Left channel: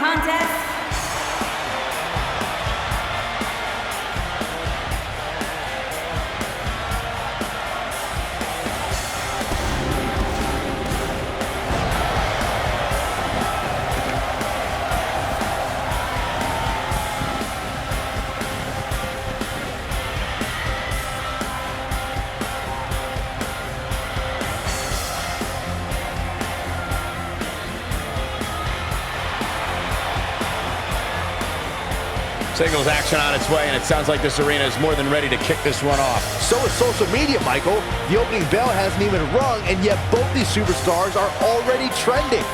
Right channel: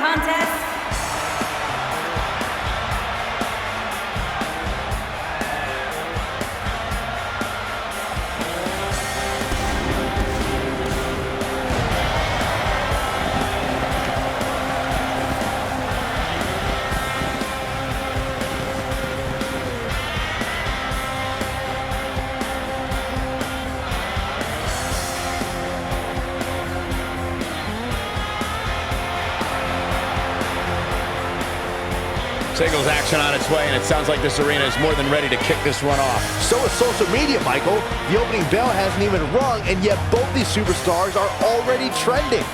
contest, Singles action on its way, and it sounds like this arena is more than ready to kick this one off. So is social media, Michael. The opening bell hasn't even rung, and yet both these superstars are already trending.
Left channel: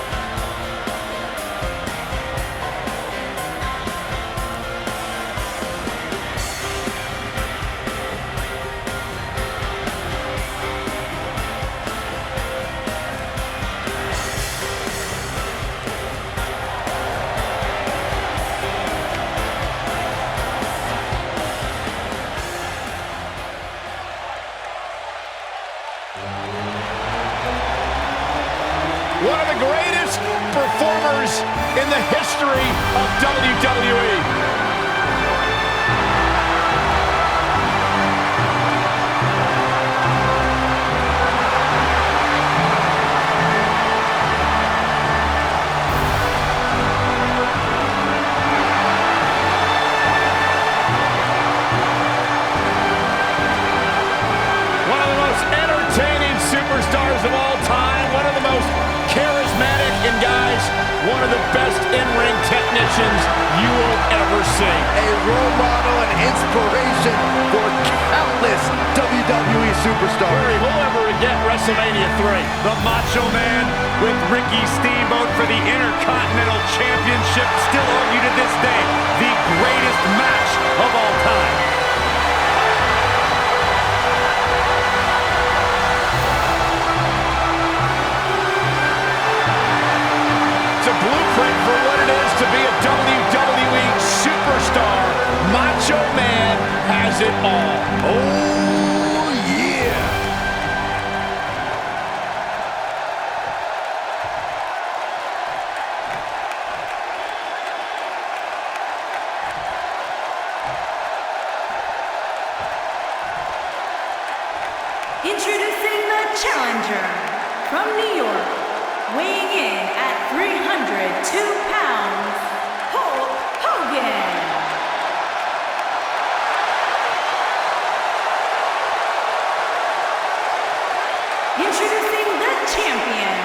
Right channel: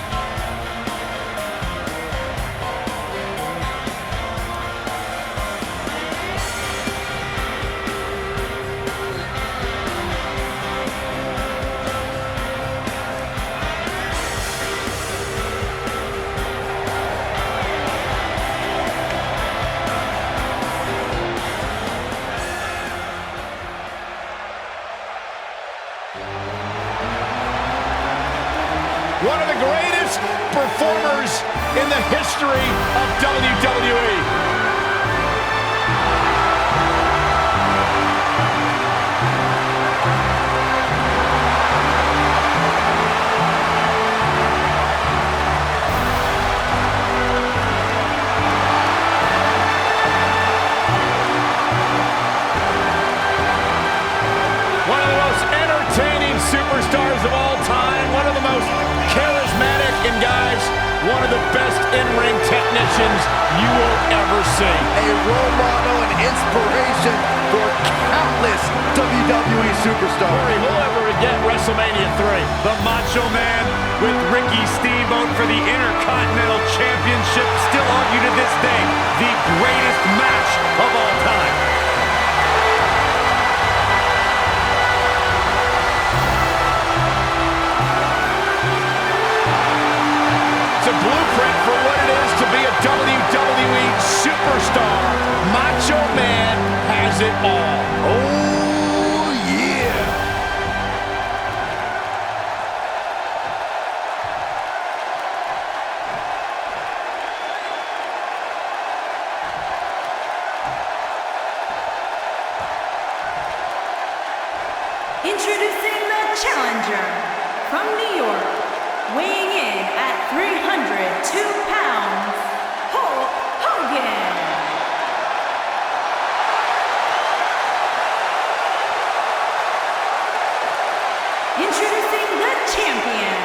One of the greatest performers in the history of WWE. One of the most entertaining superstars of all time. One of the most charismatic, and guys, one of the best in-ring technicians you will ever see. A role model and inspiration for countless WWE superstars. Corey, who'll ever get WrestleMania 3? The Macho Man with Ricky Steamboat for the Intercontinental Championship, still argued to this day, the greatest match of all time. It's a blueprint for what it is to be a WWE superstar. Macho Man has it all. Oh, yeah. introducing the challenger from New York, weighing in at 302 pounds, Hulk Hogan. Introducing the champion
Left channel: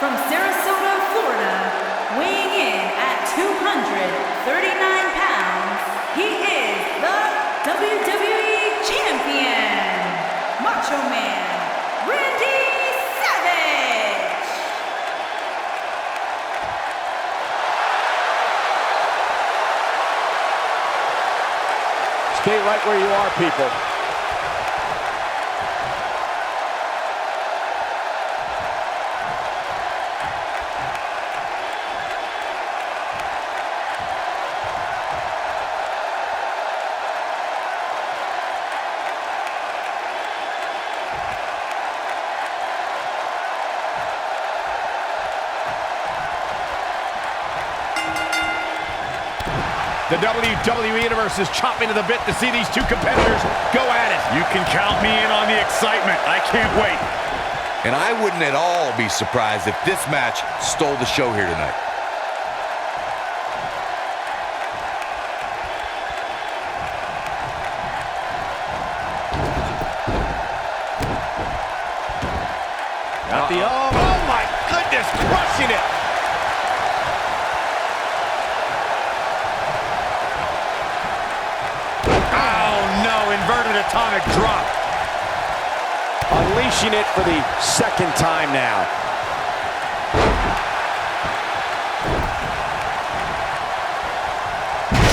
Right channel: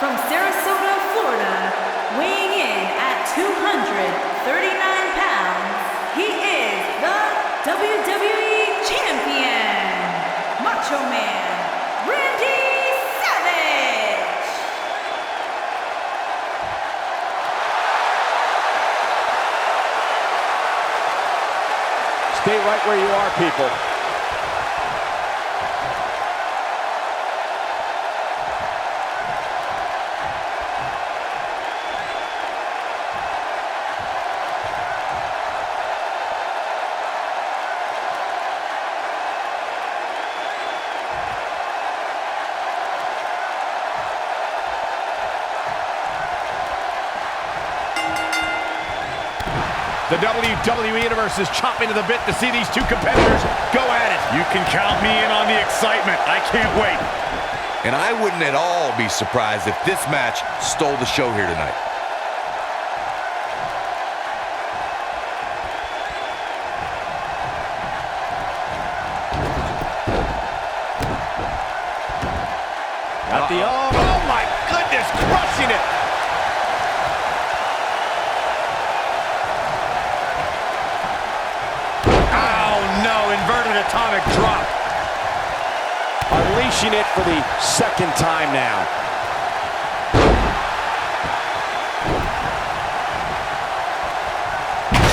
from Sarasota, Florida, weighing in at 239 pounds, he is the WWE champion, Macho Man, Randy Savage. Stay right where you are, people. The WWE Universe is chomping to the bit to see these two competitors go at it. You can count me in on the excitement. I can't wait. And I wouldn't at all be surprised if this match stole the show here tonight. Got the oh my goodness, crushing it. Inverted atomic drop. Unleashing it for the second time now.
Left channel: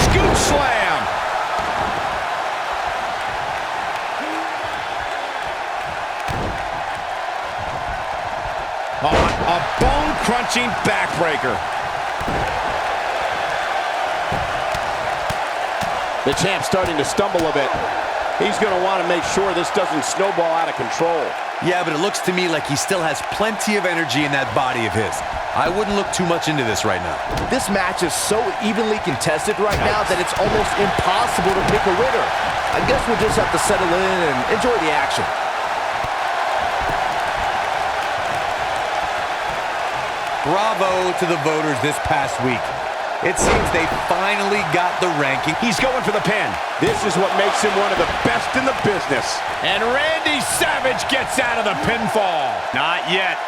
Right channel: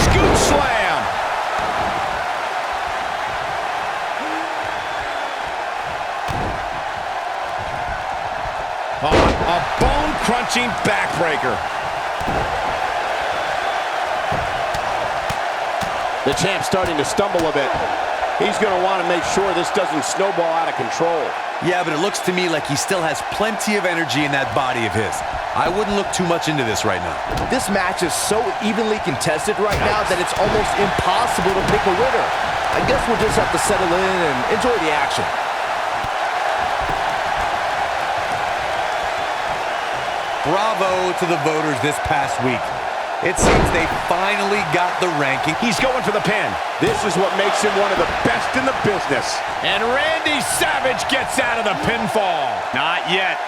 Scoop slam. A bone-crunching backbreaker. The champ's starting to stumble a bit. He's going to want to make sure this doesn't snowball out of control. Yeah, but it looks to me like he still has plenty of energy in that body of his. I wouldn't look too much into this right now. This match is so evenly contested right now that it's almost impossible to pick a winner. I guess we'll just have to settle in and enjoy the action. Bravo to the voters this past week. It seems they finally got the ranking. He's going for the pin. This is what makes him one of the best in the business. And Randy Savage gets out of the pinfall. Not yet.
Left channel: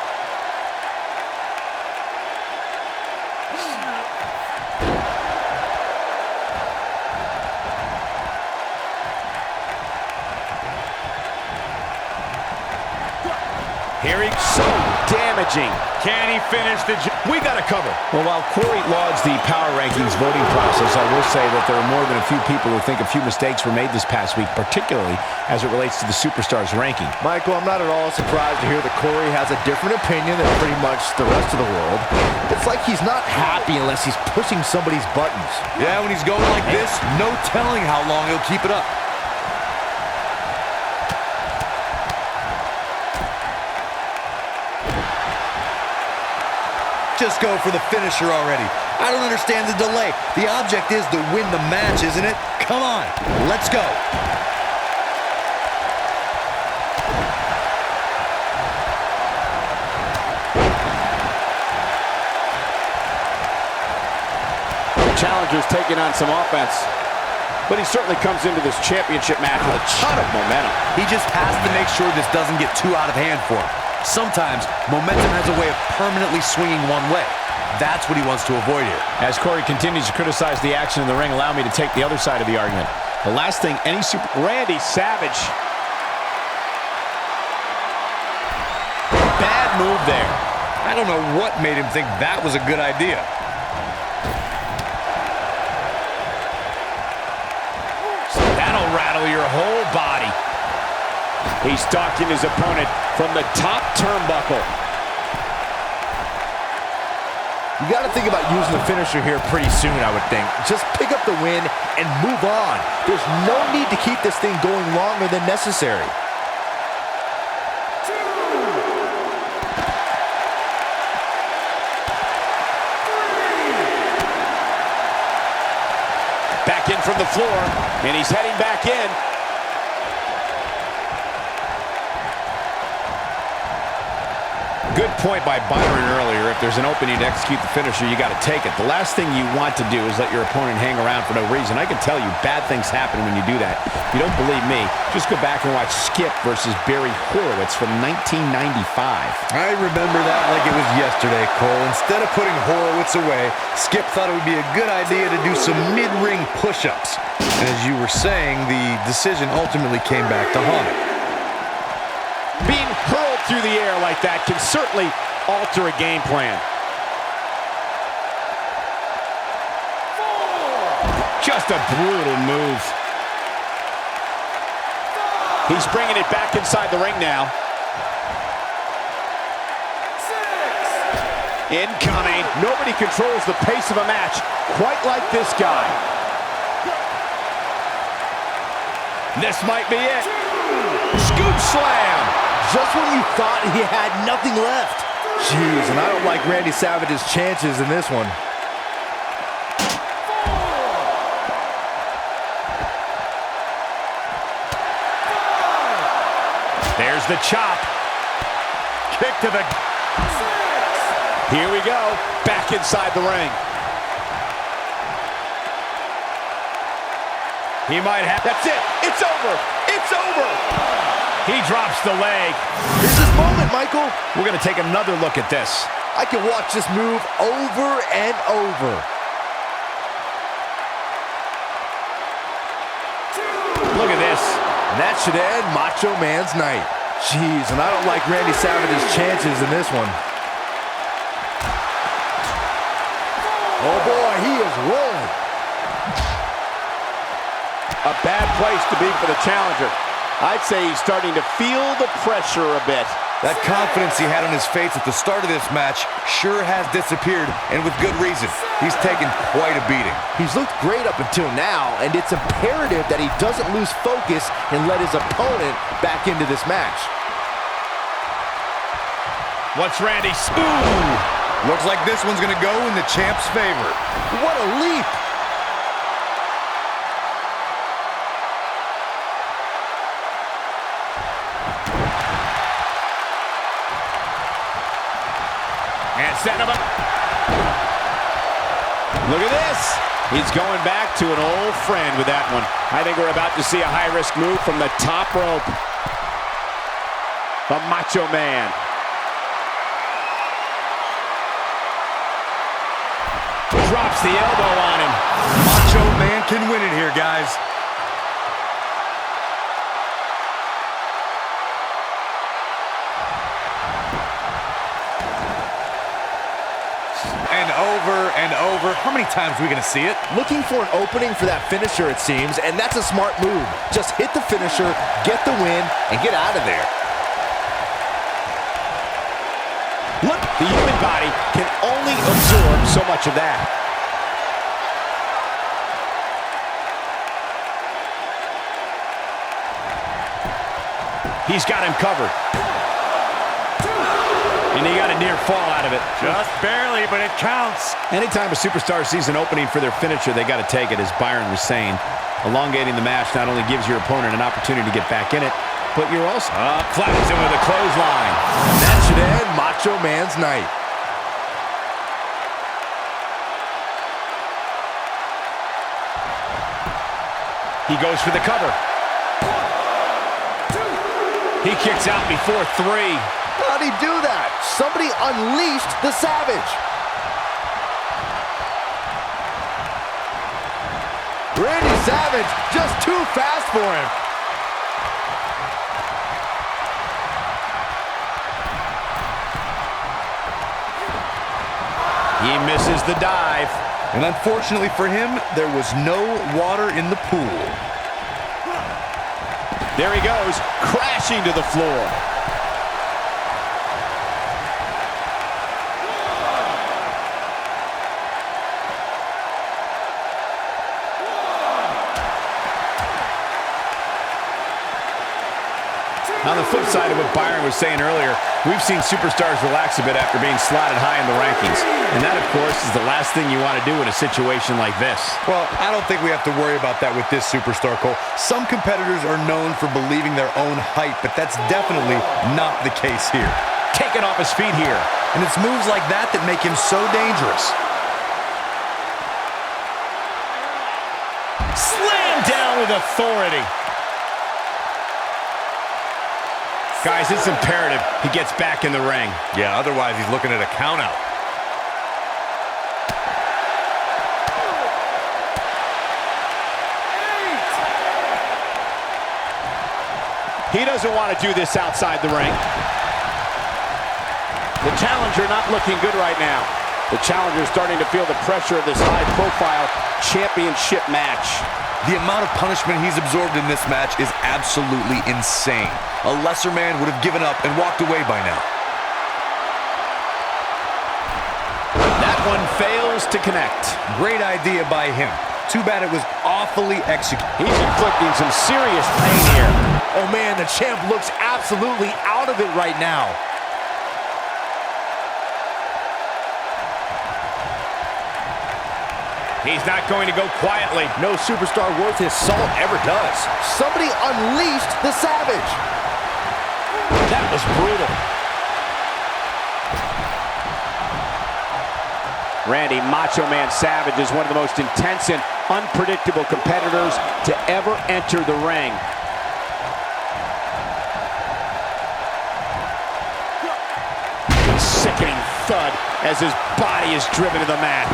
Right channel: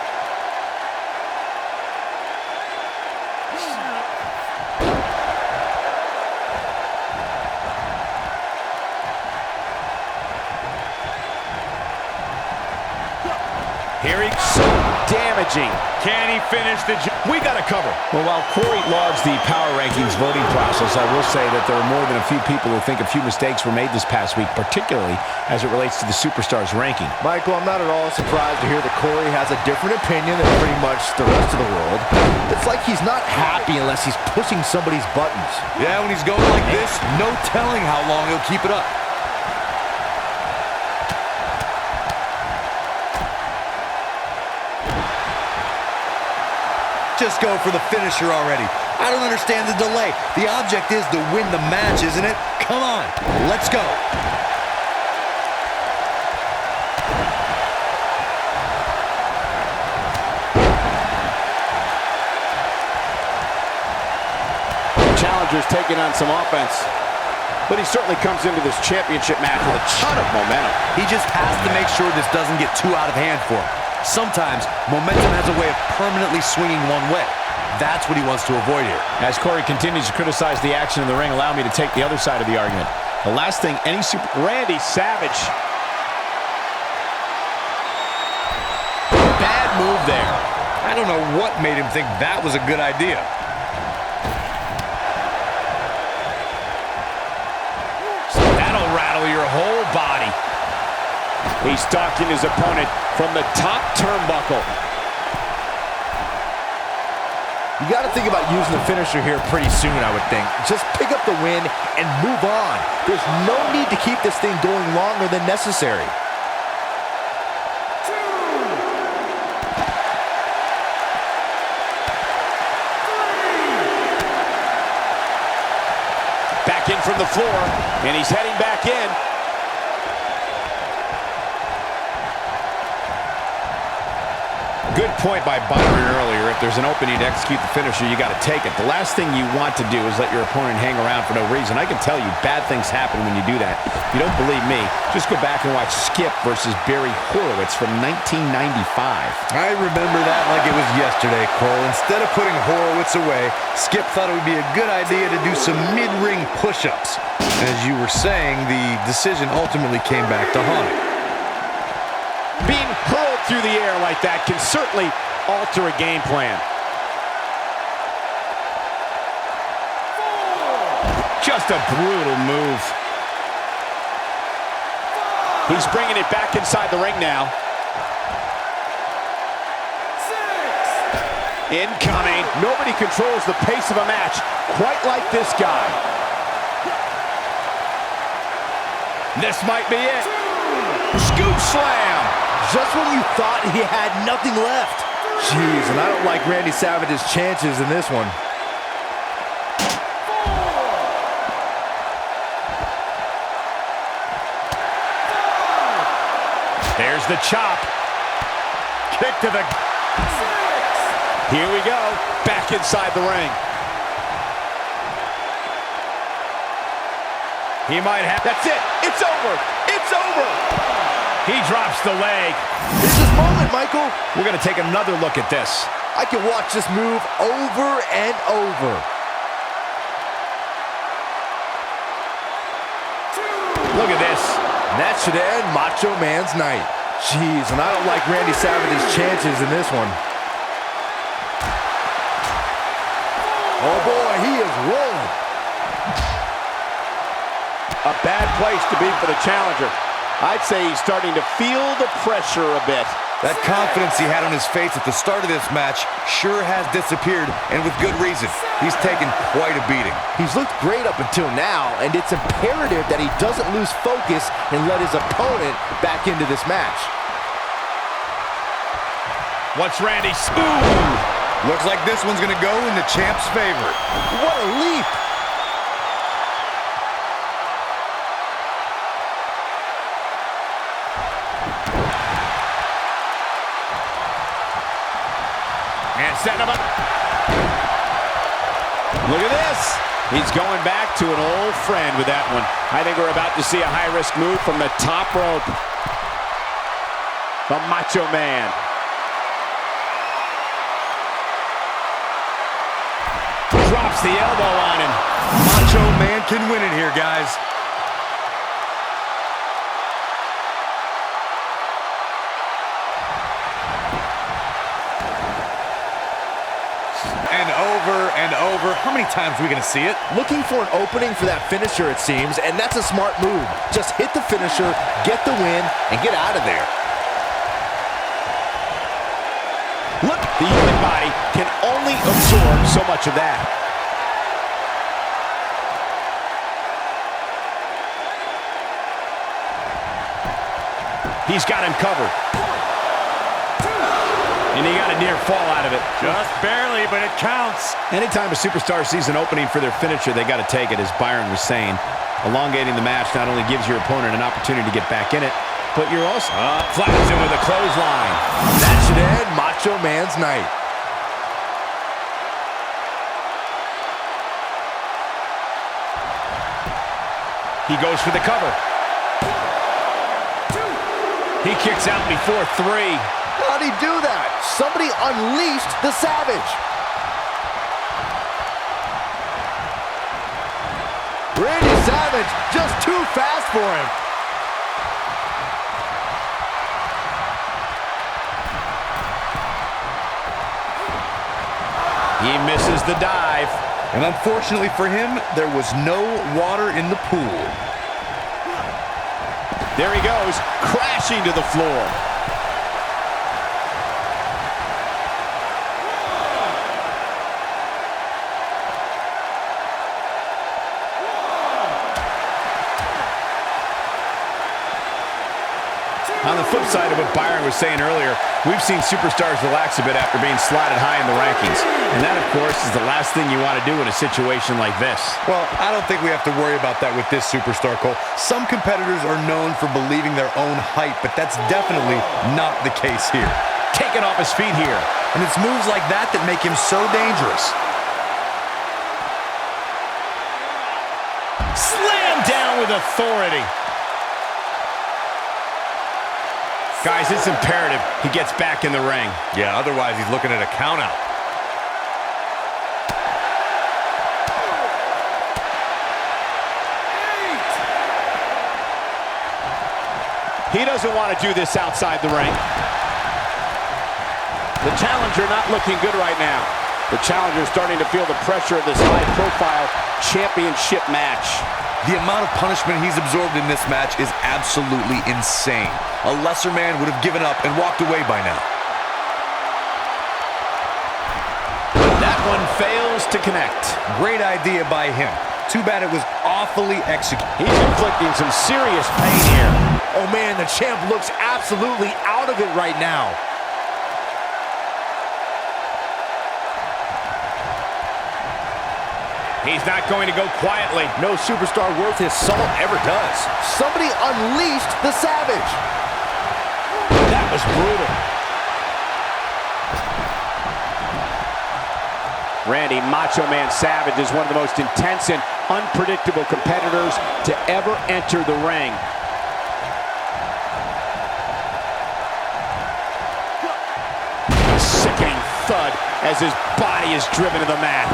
Here he's so damaging. Can he finish the job? We got to cover. Well, while Corey lauds the power rankings voting process, I will say that there are more than a few people who think a few mistakes were made this past week, particularly as it relates to the Superstars ranking. Michael, I'm not at all surprised to hear that Corey has a different opinion than pretty much the rest of the world. It's like he's not happy unless he's pushing somebody's buttons. Yeah, when he's going like this, no telling how long he'll keep it up. Just go for the finisher already. I don't understand the delay. The object is to win the match, isn't it? Come on, let's go. Challenger's taking on some offense, but he certainly comes into this championship match with a ton of momentum. He just has to make sure this doesn't get too out of hand for him. Sometimes, momentum has a way of permanently swinging one way. That's what he wants to avoid here. As Corey continues to criticize the action in the ring, allow me to take the other side of the argument. The last thing any Randy Savage. Bad move there. I don't know what made him think that was a good idea. That'll rattle your whole body. He's stalking his opponent from the top turnbuckle. You got to think about using the finisher here pretty soon, I would think. Just pick up the win and move on. There's no need to keep this thing going longer than necessary. Back in from the floor, and he's heading back in. Good point by Byron earlier. If there's an opening to execute the finisher, you got to take it. The last thing you want to do is let your opponent hang around for no reason. I can tell you bad things happen when you do that. If you don't believe me, just go back and watch Skip versus Barry Horowitz from 1995. I remember that like it was yesterday, Cole. Instead of putting Horowitz away, Skip thought it would be a good idea to do some mid-ring push-ups. As you were saying, the decision ultimately came back to haunt him. Being hurled through the air like that can certainly alter a game plan. Just a brutal move. He's bringing it back inside the ring now. Incoming. Nobody controls the pace of a match quite like this guy. This might be it. Scoop slam. Just when you thought he had nothing left. Jeez, and I don't like Randy Savage's chances in this one. There's the chop. Kick to the... Here we go. Back inside the ring. He might have... That's it. It's over. It's over. He drops the leg. Here's his moment, Michael. We're going to take another look at this. I can watch this move over and over. Look at this. And that should end Macho Man's night. Jeez, and I don't like Randy Savage's chances in this one. Oh boy, he is rolling. A bad place to be for the challenger. I'd say he's starting to feel the pressure a bit. That confidence he had on his face at the start of this match sure has disappeared, and with good reason. He's taken quite a beating. He's looked great up until now, and it's imperative that he doesn't lose focus and let his opponent back into this match. What's Randy? Ooh! Looks like this one's going to go in the champ's favor. What a leap! And setting him up. Look at this. He's going back to an old friend with that one. I think we're about to see a high-risk move from the top rope. The Macho Man. Drops the elbow on him. Macho Man can win it here, guys. And over. How many times are we going to see it? Looking for an opening for that finisher, it seems, and that's a smart move. Just hit the finisher, get the win, and get out of there. Look, the human body can only absorb so much of that. He's got him covered. And he got a near fall out of it. Just barely, but it counts. Anytime a superstar sees an opening for their finisher, they got to take it, as Byron was saying. Elongating the match not only gives your opponent an opportunity to get back in it, but you're also flattens him with a clothesline. That should end Macho Man's night. He goes for the cover. 1, 2. He kicks out before 3. How'd he do that? Somebody unleashed the Savage. Randy Savage just too fast for him. He misses the dive. And unfortunately for him, there was no water in the pool. There he goes, crashing to the floor. On the flip side of what Byron was saying earlier, we've seen superstars relax a bit after being slotted high in the rankings. And that, of course, is the last thing you want to do in a situation like this. Well, I don't think we have to worry about that with this superstar, Cole. Some competitors are known for believing their own hype, but that's definitely not the case here. Taken off his feet here. And it's moves like that that make him so dangerous. Slam down with authority. Guys, it's imperative he gets back in the ring. Yeah, otherwise he's looking at a countout. He doesn't want to do this outside the ring. The challenger not looking good right now. The challenger is starting to feel the pressure of this high-profile championship match. The amount of punishment he's absorbed in this match is absolutely insane. A lesser man would have given up and walked away by now. That one fails to connect. Great idea by him. Too bad it was awfully executed. He's inflicting some serious pain here. Oh man, the champ looks absolutely out of it right now. He's not going to go quietly. No superstar worth his salt ever does. Somebody unleashed the Savage. That was brutal. Randy Macho Man Savage is one of the most intense and unpredictable competitors to ever enter the ring. A sickening thud as his body is driven to the mat.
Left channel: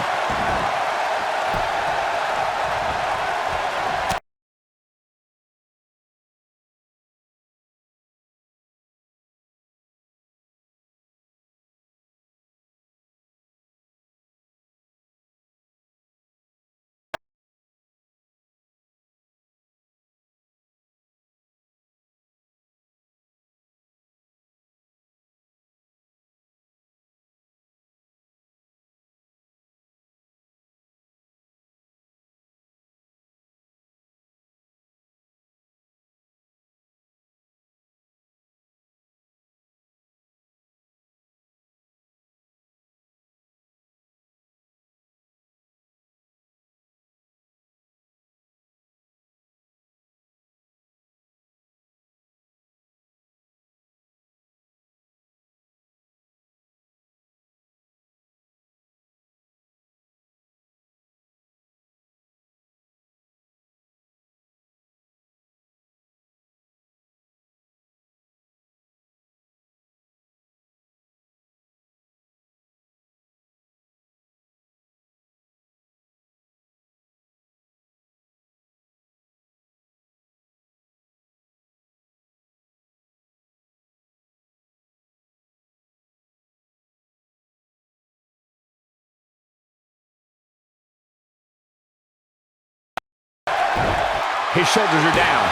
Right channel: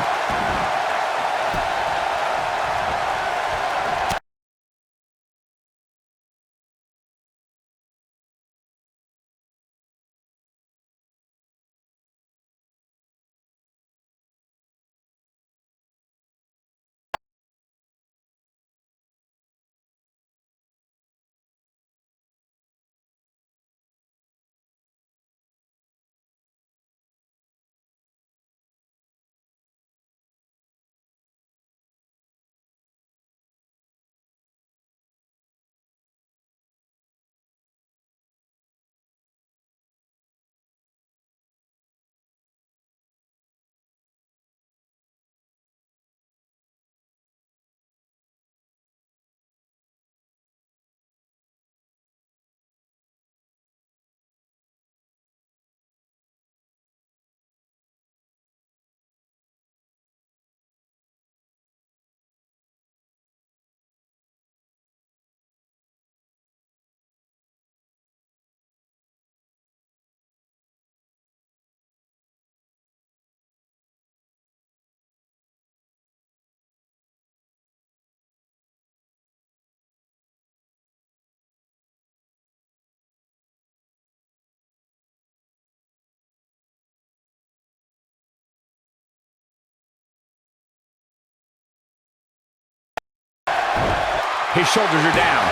His shoulders are down.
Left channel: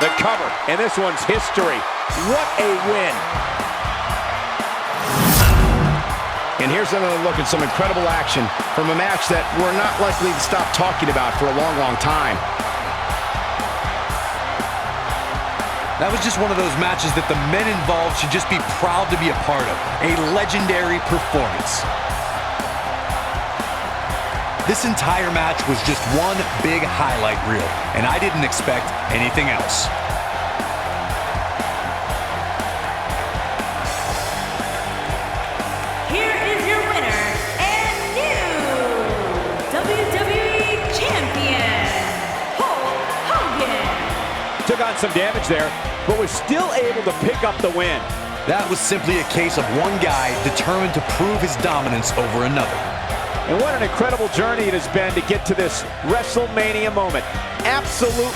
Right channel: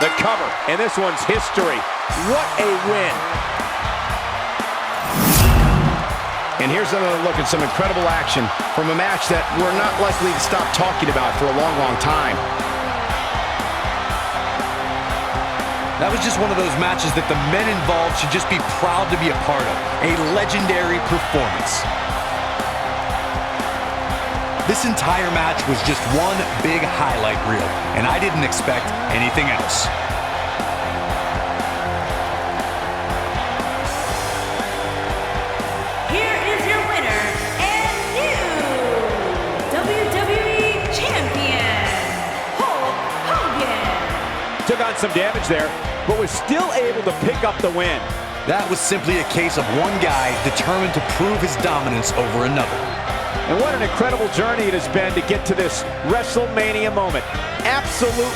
The cover, and this one's history. What a win. And here's another look at some incredible action from a match that we're not likely to stop talking about for a long, long time. That was just one of those matches that the men involved should just be proud to be a part of. A legendary performance. This entire match was just one big highlight reel, and I didn't expect anything else. Here is your winner and new WWE Champion, Hulk Hogan. Took on some damage there, but was still able to pick up the win. That was simply a case of one guy determined to prove his dominance over another. And what an incredible journey it has been to get to this WrestleMania moment. Absolutely.